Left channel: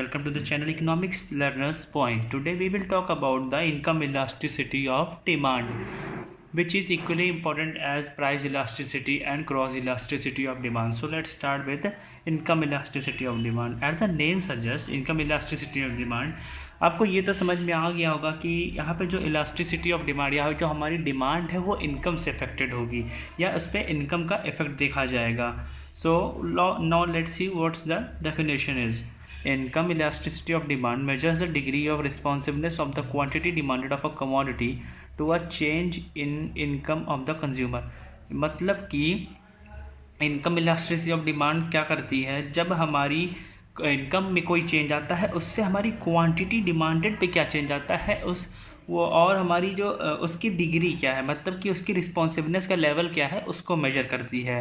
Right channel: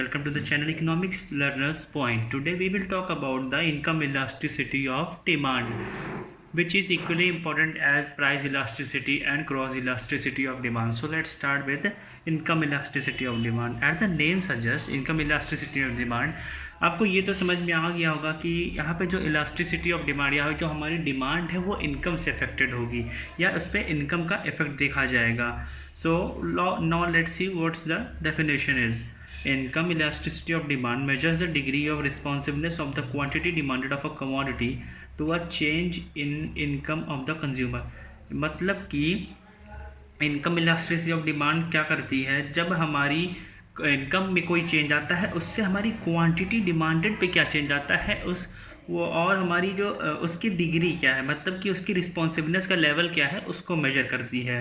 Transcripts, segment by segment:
welcome to the channel Economics Learners Point. Today we will talk about the income elasticity of demand, which is equally important as price elasticity and cross elasticity of demand. So let's start with income elasticity of demand. As the name suggests, income elasticity of demand, आपको ये तो समझ में आ गया होगा कि यहाँ पे जो इलास्टिसिटी ऑफ डिमांड या जो हमारी डिमांड है वो इनकम से अफेक्टेड होगी या उस पर इनकम का इफेक्ट देखा जाएगा. So now let's see what's the definition is. Income elasticity of demand measures the degree of responsiveness of the quantity demanded of a commodity to a change in income of the consumer. मतलब कि income elasticity of demand क्या करती है, जब हमारी income में कोई change आता है उससे हमारी क्वांटिटी डिमांडेड पे क्या चेंज आता है उस वो और हमारी जो उसकी डिग्री क्या है, मतलब कि उसकी रिस्पॉन्सिवनेस का लेवल क्या है उसको मेजर करती है.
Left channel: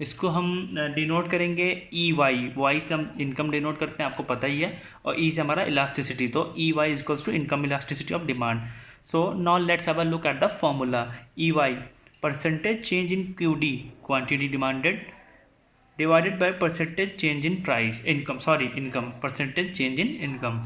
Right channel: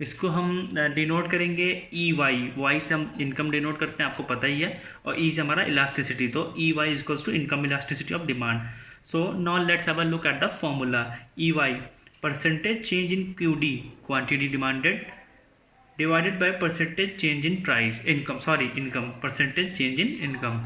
इसको हम डिनोट करेंगे ई वाई से हम इनकम डिनोट करते हैं, आपको पता ही है, और ई से हमारा इलास्टिसिटी. तो E Y equals to income elasticity of demand. So now let's have a look at the formula. E Y percentage change in Q D quantity demanded divided by percentage change in price income percentage change in income.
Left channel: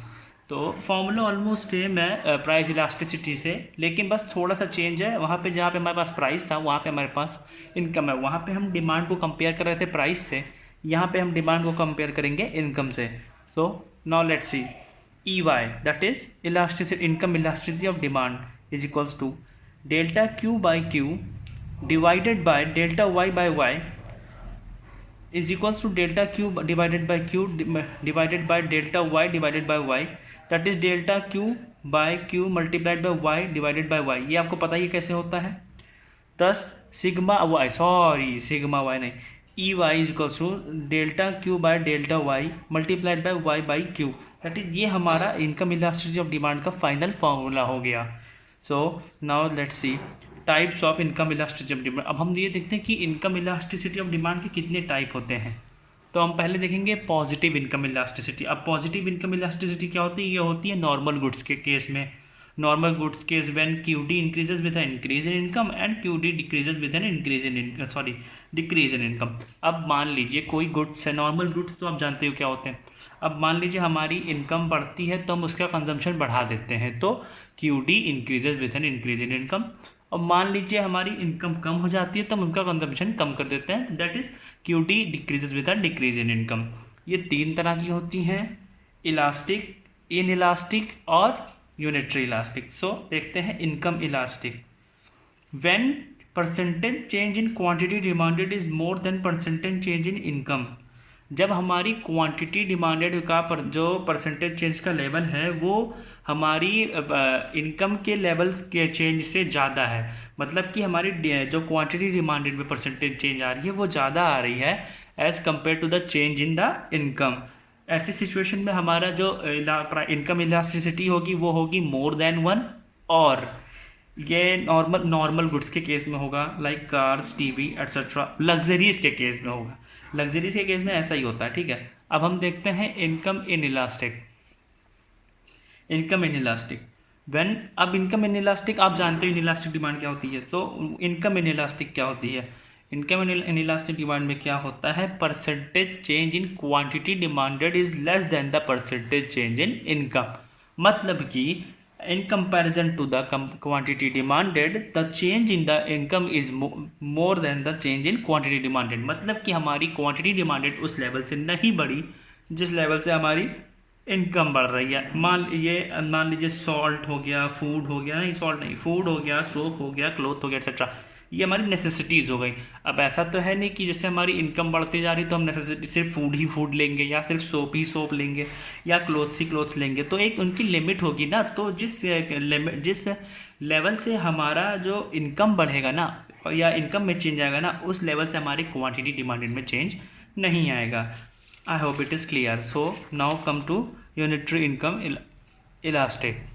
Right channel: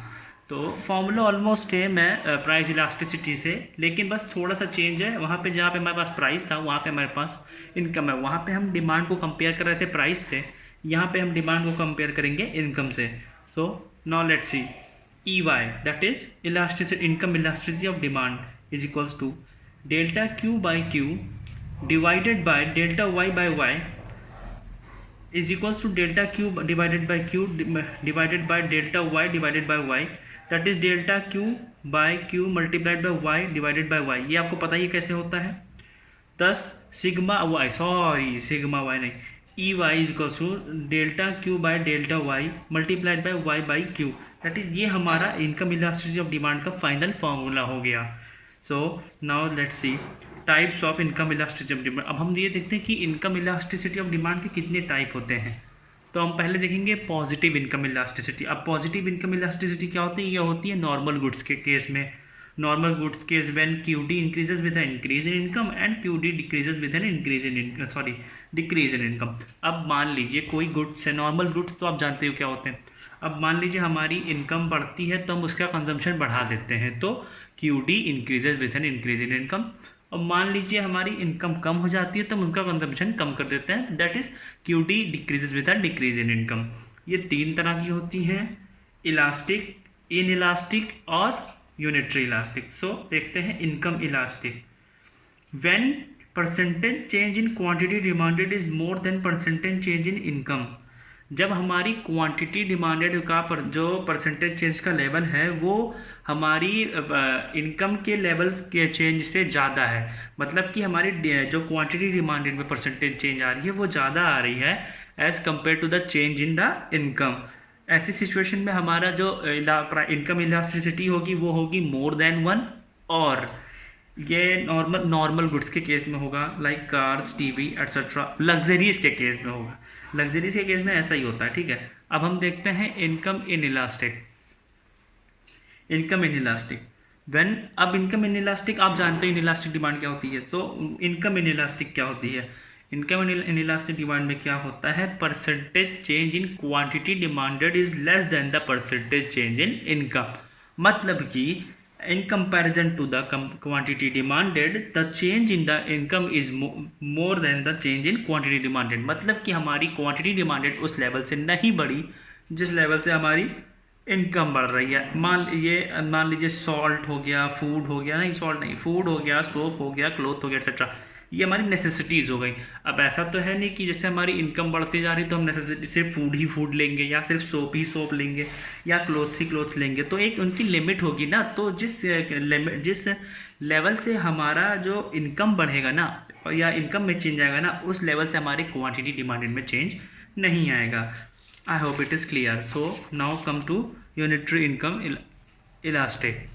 तो formula almost same है price elasticity से, लेकिन बस थोड़ा सा change है. वहाँ पे जहाँ पे हमारे पास प्राइस था वहाँ पे हमारे पास इनकम है. वहाँ पे हम डिमांड को कंपेयर कर रहे थे प्राइस से, यहाँ पे हम डिमांड को कंपेयर करेंगे इनकम से. तो now let's see E Y that is elasticity income elasticity of demand is equals to delta Q by Q divided by delta Y by Y is equals to delta q divided by q divided by delta y divided by y, that is delta q by q multiplied by y divided by y. ये आपको पता ही कैसे होता है. 10 sigma y नहीं, E Y is equals to delta Q by delta Y multiplied by Y by Q. That is ये हमारा income elasticity of demand का फाइनल फॉर्मूला हो गया. So now let's see types of income elasticity of demand. अब हम ये देखते हैं कि इनकम इलास्टिसिटी ऑफ डिमांड के कितने टाइप होते हैं. तो हम पहले देखेंगे पॉजिटिव इनकम इलास्टिसिटी. अब पॉजिटिव इनकम इलास्टिसिटी क्या होती है? ये होती है नॉर्मल गुड्स के केस में. Normal goods case when Q D increases with an increase in income and Q D decreases with a decrease in income. अब मान लीजिए कोई गुड्स है, नॉर्मल गुड्स तो आप जानते हो क्या होते हैं. अब मान लीजिए हमारी इनकम बढ़ती है तो हम उसका कंजम्पशन बढ़ा देते हैं, तो Q D increases with an increase in income. और मान लीजिए हमारी इनकम कम हो जाती है तो हम उनका कंजम्पशन कम कर देते हैं, that is Q D decreases with a decrease in income. ये तीन तरह की होती हैं, इलास्टिक, इन इलास्टिक और यूनिटरी इलास्टिक. सो देखते हैं income elastic. When percentage change in quantity demanded is more than percentage change in income. जब हमारी क्वांटिटी डिमांडेड का जो परसेंटेज चेंज का लेवल है वो हमारी इनकम के लेवल्स के चेंज से ज़्यादा है, मतलब कि हमारी जो क्वांटिटी डिमांडेड में परसेंटेज चेंज आ रही है वो ज़्यादा आ रही है as compare to the change in the income. ऐसी सिचुएशन में हमारा जो इनकम इलास्टिसिटी होगी वो होगी मोर देन 1, और ये नॉर्मल गुड्स के केस में होगा like cars, TV etcetera. Luxuries के केस में होगा, लग्जरीज के केस में ऐसा ही होता है. ठीक है, अब हम देखते हैं income in elastic. Income in elastic अब इनकम इन इलास्टिक आप जानते हैं इन इलास्टिक डिमांड क्या होती है. तो इनकम इन इलास्टिक क्या होती है? इनकम इन इलास्टिक डिमांड में क्या होता है? Percentage change in quantity demanded is less than the percentage change in income. मतलब कि in comparison to the quantity demanded the change in the income is more than the change in quantity demanded. मतलब कि हमारी quantity demanded उस level से नहीं बढ़ी जिस लेवल से हमारी इनकम बढ़ रही है. मान लीजिए सॉल्ट हो गया, फूड हो गया, नहीं सॉल्ट नहीं, फूड हो गया, सोप हो गया, क्लोथ हो गया एक्सेट्रा, ये हमारी नेसेसिटीज़ हो गई. अब ऐसा तो है नहीं कि जैसे हमारी इनकम बढ़ती जा रही तो हम नेसेसिटी सिर्फ फूड ही फूड लेंगे या सिर्फ सोप ही सोप लेंगे या क्लोथ्स ही क्लोथ्स लेंगे. तो एक उनकी लिमिट होगी ना. तो जिस लेवल से हमारा जो इनकम बढ़ेगा ना या इनकम में चेंज आएगा ना, उस लेवल से हमारी क्वांटिटी डिमांडेड में चेंज नहीं आएगा. I hope it is clear. So now come to unitary income elastic.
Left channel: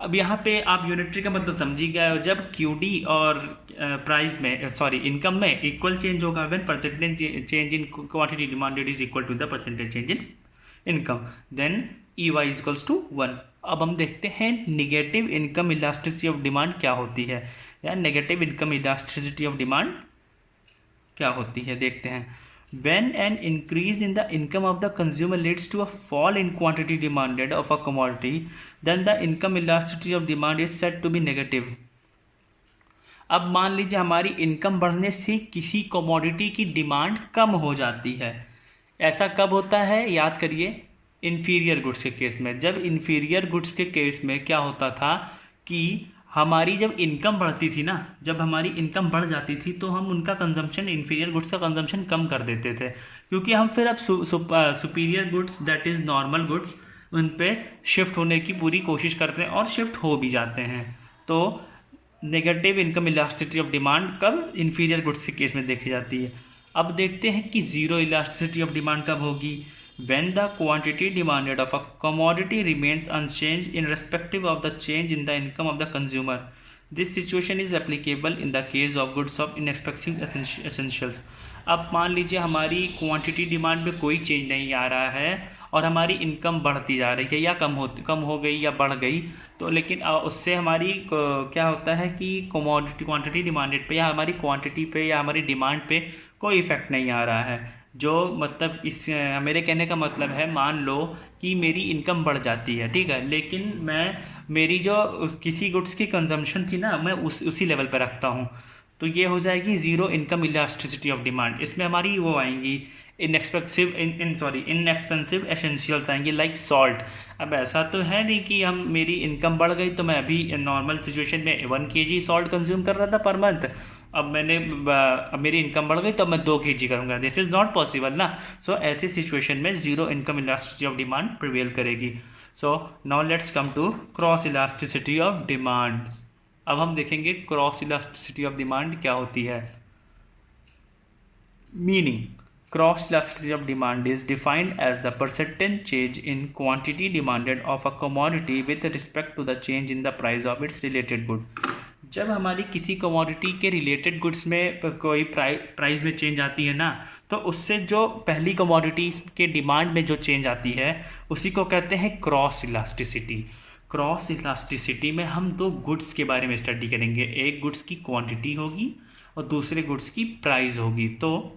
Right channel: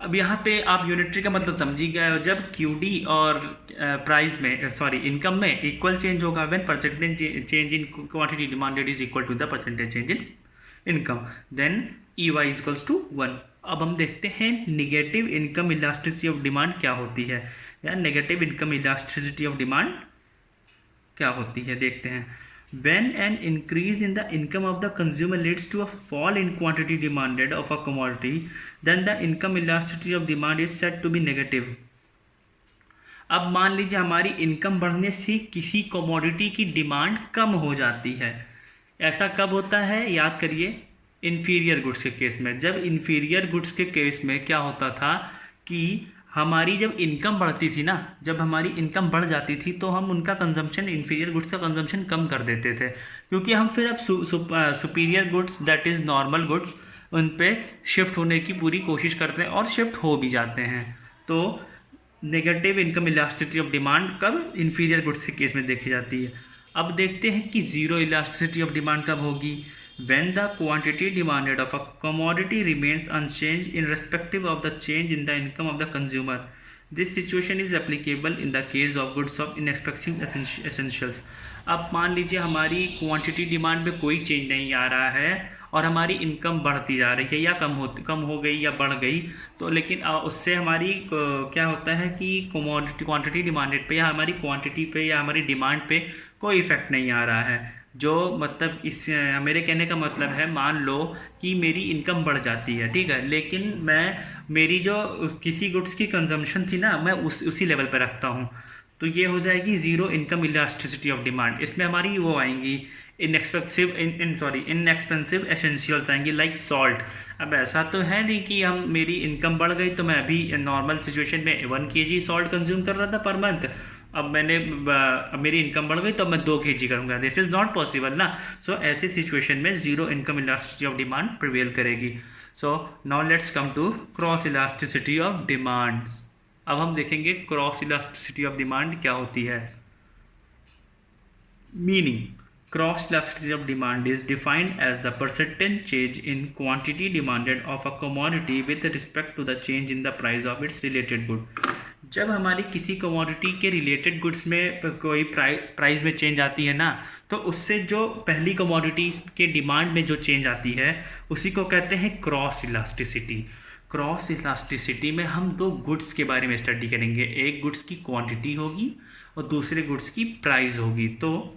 अब यहाँ पे आप यूनिटरी का मतलब समझ ही गए हो. जब क्यू डी और प्राइस में इनकम में इक्वल चेंज होगा when percentage change in quantity demanded is equal to the percentage change in income, then E Y equals to 1. अब हम देखते हैं negative income elasticity of demand क्या होती है, या negative income elasticity of demand क्या होती है देखते हैं. When an increase in the income of the consumer leads to a fall in quantity demanded of a commodity, then the income elasticity of demand is said to be negative. अब मान लीजिए हमारी income बढ़ने से किसी commodity की demand कम हो जाती है. ऐसा कब होता है, याद करिए, इन्फीरियर गुड्स के केस में. जब इन्फीरियर गुड्स के केस में क्या होता था कि हमारी जब इनकम बढ़ती थी ना, जब हमारी इनकम बढ़ जाती थी तो हम उनका कंजम्पशन, इन्फीरियर गुड्स का कंजम्पशन कम कर देते थे, क्योंकि हम फिर अब superior goods that is normal goods उन पे शिफ्ट होने की पूरी कोशिश करते हैं और शिफ्ट हो भी जाते हैं. तो negative income elasticity of demand कब, इन्फीरियर गुड्स के केस में देखी जाती है. अब देखते हैं कि जीरो इलास्टिसिटी ऑफ डिमांड कब होगी. When the quantity demanded of a commodity remains unchanged in respective of the change in the income of the consumer. This situation is applicable in the case of goods of inexpensive essentials. अब मान लीजिए हमारी quantity demand में कोई change नहीं आ रहा है और हमारी इनकम बढ़ती जा रही है या कम हो गई या बढ़ गई, तो लेकिन उससे हमारी क्या होता है कि क्वांटिटी डिमांडेड पे या हमारी क्वांटिटी पे या हमारी डिमांड पे कोई इफेक्ट नहीं आ रहा है. जो मतलब इस मेरे कहने का मतलब है, मान लो कि मेरी इनकम बढ़ जाती है, ठीक है, लेकिन मेरी जो किसी गुड्स की कंजम्पशन थी ना, मैं उसी लेवल पर रखता हूँ, तो ये हो जाएगी zero income elasticity of demand. इसमें हमारी वो आएंगी इनएक्सपेंसिव एसेंशियल्स आएंगी लाइक सॉल्ट. अब ऐसा तो है नहीं कि मेरी इनकम बढ़ गई तो मैं अभी नॉर्मल सिचुएशन में 1 kg सॉल्ट कंज्यूम कर रहा था पर मंथ, अब मेरी इनकम बढ़ गई तो मैं 2 kg करूँगा. दिस इज़ नॉट पॉसिबल ना. सो ऐसी सिचुएशन में zero income elasticity of demand prevail करेगी. So now let's come to cross elasticity of demand. अब हम देखेंगे क्रॉस इलास्टिसिटी ऑफ डिमांड क्या होती है. Meaning, cross elasticity of demand is defined as the percentage change in quantity demanded of a commodity with respect to the change in the price of its related good. जब हमारी किसी commodity के related goods में कोई price में change आती है ना, तो उससे जो पहली कमोडिटी के डिमांड में जो चेंज आती है उसी को कहते हैं क्रॉस इलास्टिसिटी. क्रॉस इलास्टिसिटी में हम 2 गुड्स के बारे में स्टडी करेंगे. एक गुड्स की क्वांटिटी होगी और दूसरे गुड्स की प्राइस होगी. तो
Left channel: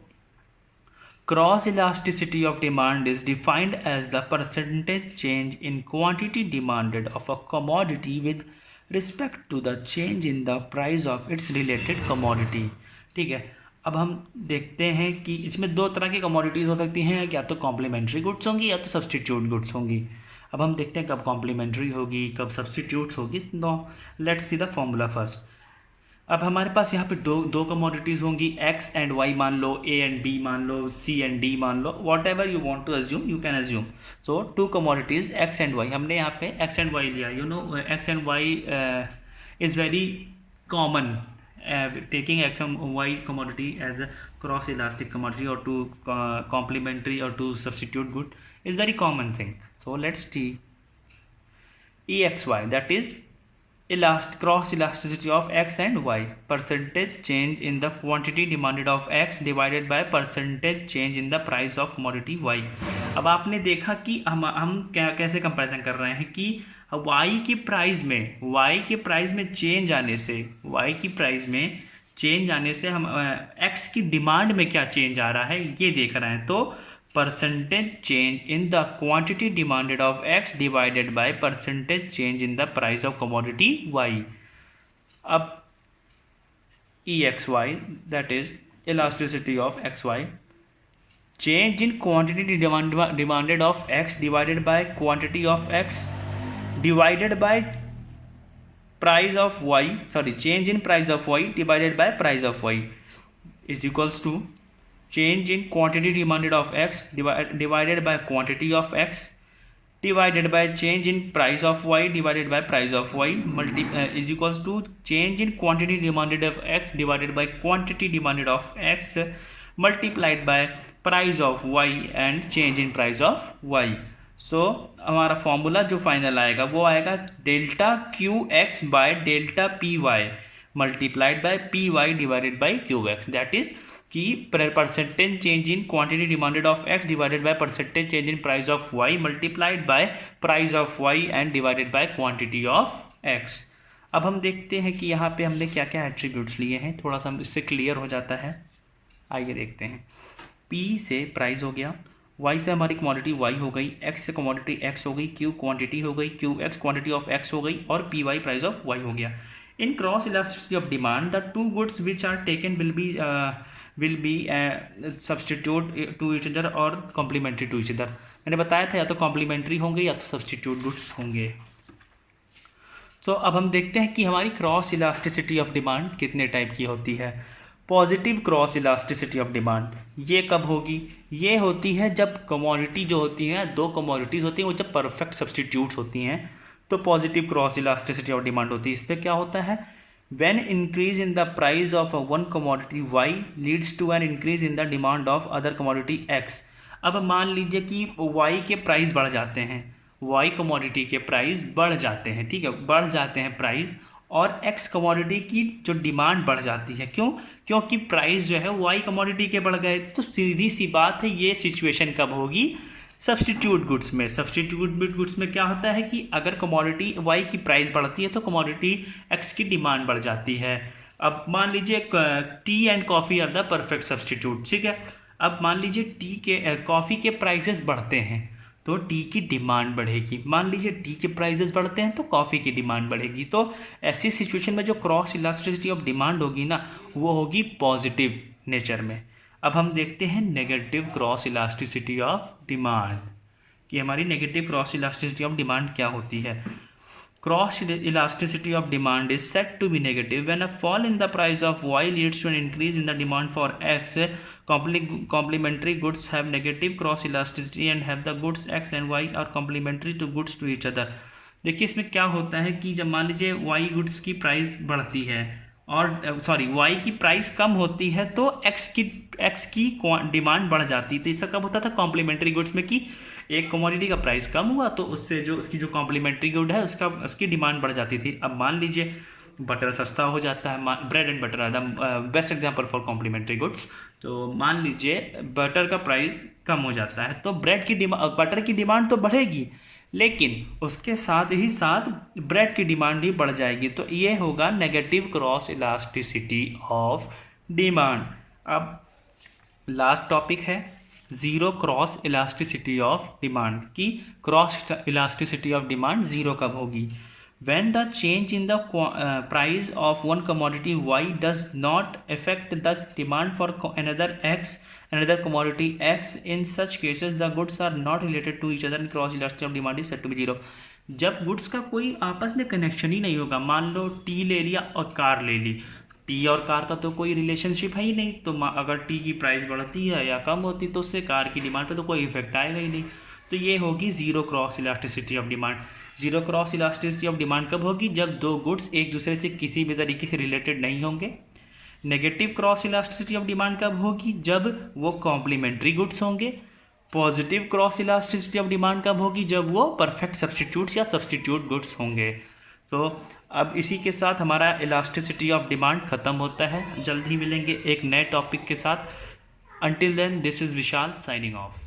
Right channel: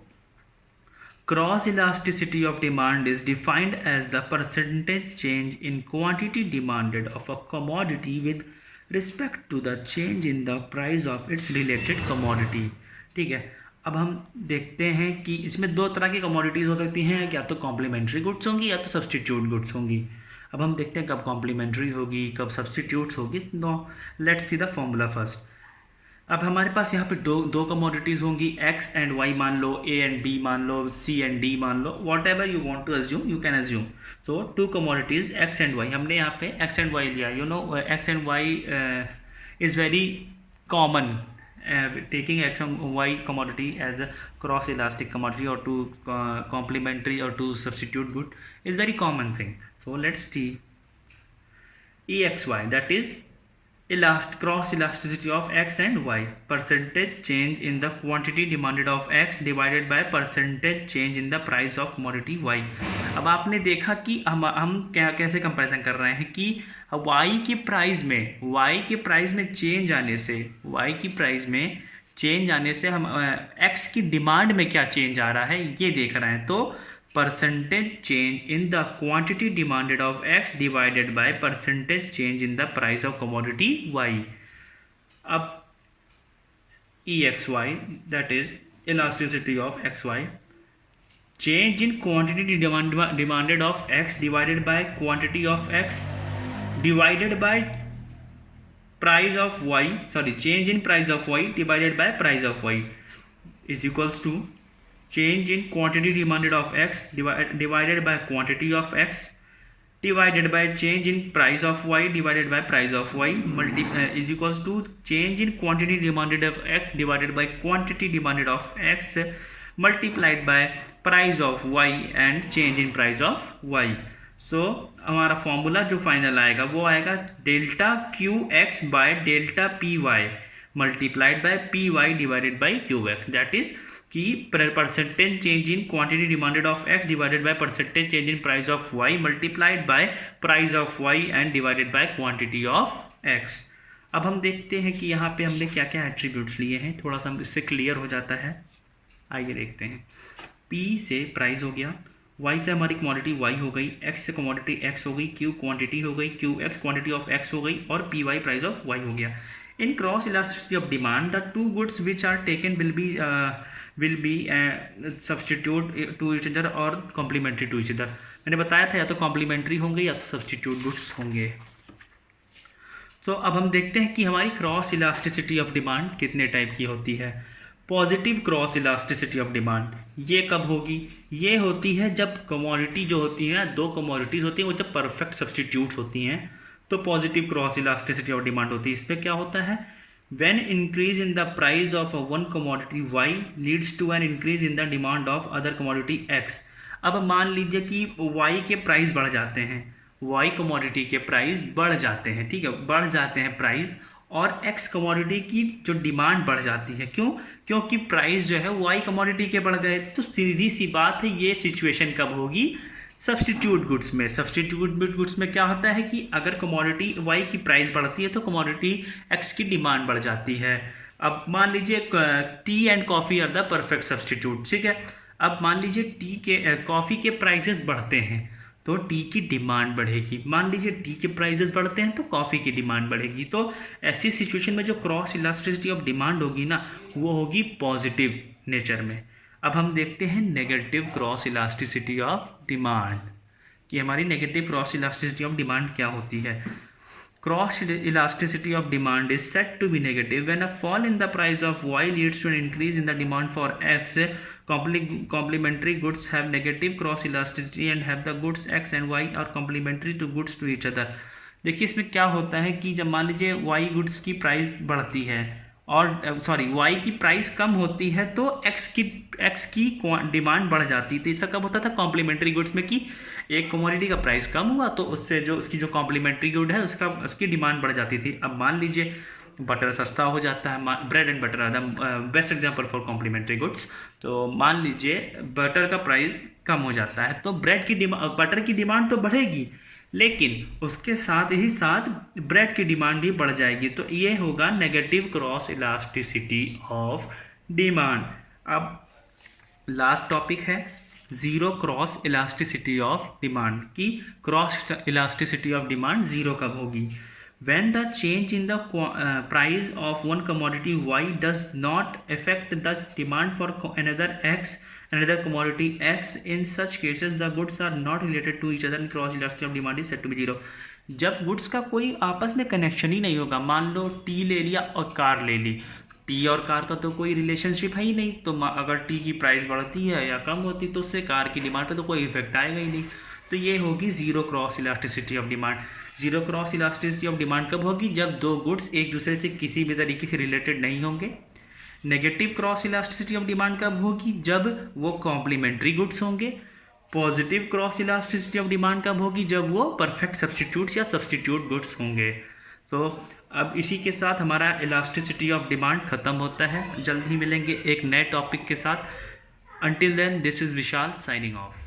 cross elasticity of demand is defined as the percentage change in quantity demanded of a commodity with respect to the change in the price of its related commodity. ठीक है, अब हम देखते हैं कि इसमें 2 तरह की कमोडिटीज़ हो सकती हैं, या तो कॉम्प्लीमेंट्री गुड्स होंगी या तो सब्सटीट्यूट गुड्स होंगी. अब हम देखते हैं कब कॉम्प्लीमेंट्री होगी, कब सब्सटीट्यूट्स होगी. No, let's see the formula first. अब हमारे पास यहाँ पे दो कमोडिटीज़ होंगी, एक्स एंड वाई मान लो, ए एंड बी मान लो, सी एंड डी मान लो, whatever you want to assume you can assume. So 2 commodities X and Y. हमने यहाँ पे एक्स एंड वाई लिया. You know X and Y is very common. Taking X and Y commodity as a cross elastic commodity और two complementary और two substitute good is very common thing. So let's टी EXY, that is cross elasticity of x and y. Percentage change in the quantity demanded of x divided by percentage change in the price of commodity y. अब आपने देखा कि हम कैसे comparison कर रहे हैं कि y की प्राइस में चेंज आने से हम x की डिमांड में क्या चेंज आ रहा है ये देख रहे हैं. तो percentage change in the quantity demanded of x divided by percentage change in the price of commodity y. अब EXY, that is elasticity of XY, change in quantity demanded of x divided by quantity of x divided by price of y, change in price of y divided by price of y is equals to change in quantity demanded of x divided by quantity of x divided by change in price of y divided by price of y is equals to change in quantity demanded of x divided by quantity demanded of x multiplied by price of y and change in price of y. So हमारा formula जो final आएगा वो आएगा delta Q X by delta P Y multiplied by P Y divided by Q X. That is कि percentage change in quantity demanded of X divided by percentage change in price of Y multiplied by price of Y and divided by quantity of X. अब हम देखते हैं कि यहाँ पे हमने क्या क्या एट्रीब्यूट्स लिए हैं, थोड़ा सा इससे क्लियर हो जाता है. आइए देखते हैं. P से प्राइस हो गया, Y से हमारी कमोडिटी Y हो गई, X से कमोडिटी X हो गई, Q क्वांटिटी हो गई, QX क्वांटिटी ऑफ X हो गई और PY प्राइस ऑफ Y हो गया. In cross elasticity of demand, the two goods which are taken will be substitute to each other or complementary to each other. मैंने बताया था या तो कॉम्प्लीमेंट्री होंगे या तो सब्सटीट्यूट गुड्स होंगे. तो अब हम देखते हैं कि हमारी क्रॉस इलास्टिसिटी ऑफ डिमांड कितने टाइप की होती है. Positive cross elasticity of demand ये कब होगी? ये होती है जब कमोडिटी जो होती है, दो कमोडिटीज़ होती हैं, वो जब परफेक्ट सब्सटीट्यूट्स होती हैं तो positive cross elasticity of demand होती है. इस पर क्या होता है? When increase in the price of one commodity Y leads to an increase in the demand of other commodity X. अब मान लीजिए कि Y के प्राइस बढ़ जाते हैं, Y कमोडिटी के प्राइस बढ़ जाते हैं, ठीक है, बढ़ जाते हैं प्राइस, और X कमोडिटी की जो डिमांड बढ़ जाती है. क्यों? क्योंकि प्राइस जो है Y कमोडिटी के बढ़ गए. तो सीधी सी बात है, ये सिचुएशन कब होगी? सब्सटीट्यूट गुड्स में. सब्सटीट्यूट गुड्स में क्या होता है कि अगर कमोडिटी Y की प्राइस बढ़ती है तो कमोडिटी X की डिमांड बढ़ जाती है. अब मान लीजिए tea and coffee are the perfect substitute, ठीक है. अब मान लीजिए कॉफ़ी के प्राइसेस बढ़ते हैं तो टी की डिमांड बढ़ेगी. मान लीजिए टी के प्राइसेस बढ़ते हैं तो कॉफ़ी की डिमांड बढ़ेगी. तो ऐसी सिचुएशन में जो क्रॉस इलास्टिसिटी ऑफ डिमांड होगी ना, वो होगी पॉजिटिव नेचर में. अब हम देखते हैं negative cross elasticity of demand कि हमारी negative cross elasticity of demand क्या होती है. Cross elasticity of demand is said to be negative when a fall in the price of Y leads to an increase in the demand for X. Complementary goods have negative cross elasticity and have the goods X and Y are complementary to goods to each other. देखिए इसमें क्या होता है कि जब मान लीजिए Y goods की प्राइस बढ़ती है और Y की प्राइस कम होती है तो X की डिमांड बढ़ जाती है. तो इसका कब होता था? कॉम्प्लीमेंट्री गुड्स में, कि एक कमोडिटी का प्राइस कम हुआ तो उससे जो उसकी जो कॉम्प्लीमेंट्री गुड है उसकी डिमांड बढ़ जाती थी. अब मान लीजिए बटर सस्ता हो जाता है, bread and butter are the best example for complementary goods. तो मान लीजिए बटर का प्राइस कम हो जाता है तो बटर की डिमांड तो बढ़ेगी, लेकिन उसके साथ ही साथ ब्रेड की डिमांड भी बढ़ जाएगी. तो ये होगा negative cross elasticity of demand. अब लास्ट टॉपिक है zero cross elasticity of demand, की cross elasticity of demand zero कब होगी? When the change in the price of one commodity Y does not affect the demand for another commodity X, in such cases the goods are not related to each other and cross elasticity of demand is said to be zero. जब goods का कोई आपस में connection ही नहीं होगा, मान लो T ले लिया और कार ले ली, टी और कार का तो कोई रिलेशनशिप है ही नहीं, तो अगर टी की प्राइस बढ़ती है या कम होती तो उससे कार की डिमांड पे तो कोई इफेक्ट आएगा ही नहीं. तो ये होगी zero cross elasticity of demand. Zero cross elasticity of demand कब होगी? जब दो गुड्स एक दूसरे से किसी भी तरीके से रिलेटेड नहीं होंगे. Negative cross elasticity of demand कब होगी? जब वो कॉम्प्लीमेंट्री गुड्स होंगे. Positive cross elasticity of demand कब होगी? जब वो परफेक्ट सब्सटीट्यूट या सब्सटीट्यूट गुड्स होंगे. तो अब इसी के साथ हमारा इलास्टिसिटी ऑफ डिमांड ख़त्म होता है. जल्द ही मिलेंगे एक नए टॉपिक के साथ. Until then, this is Vishal signing off.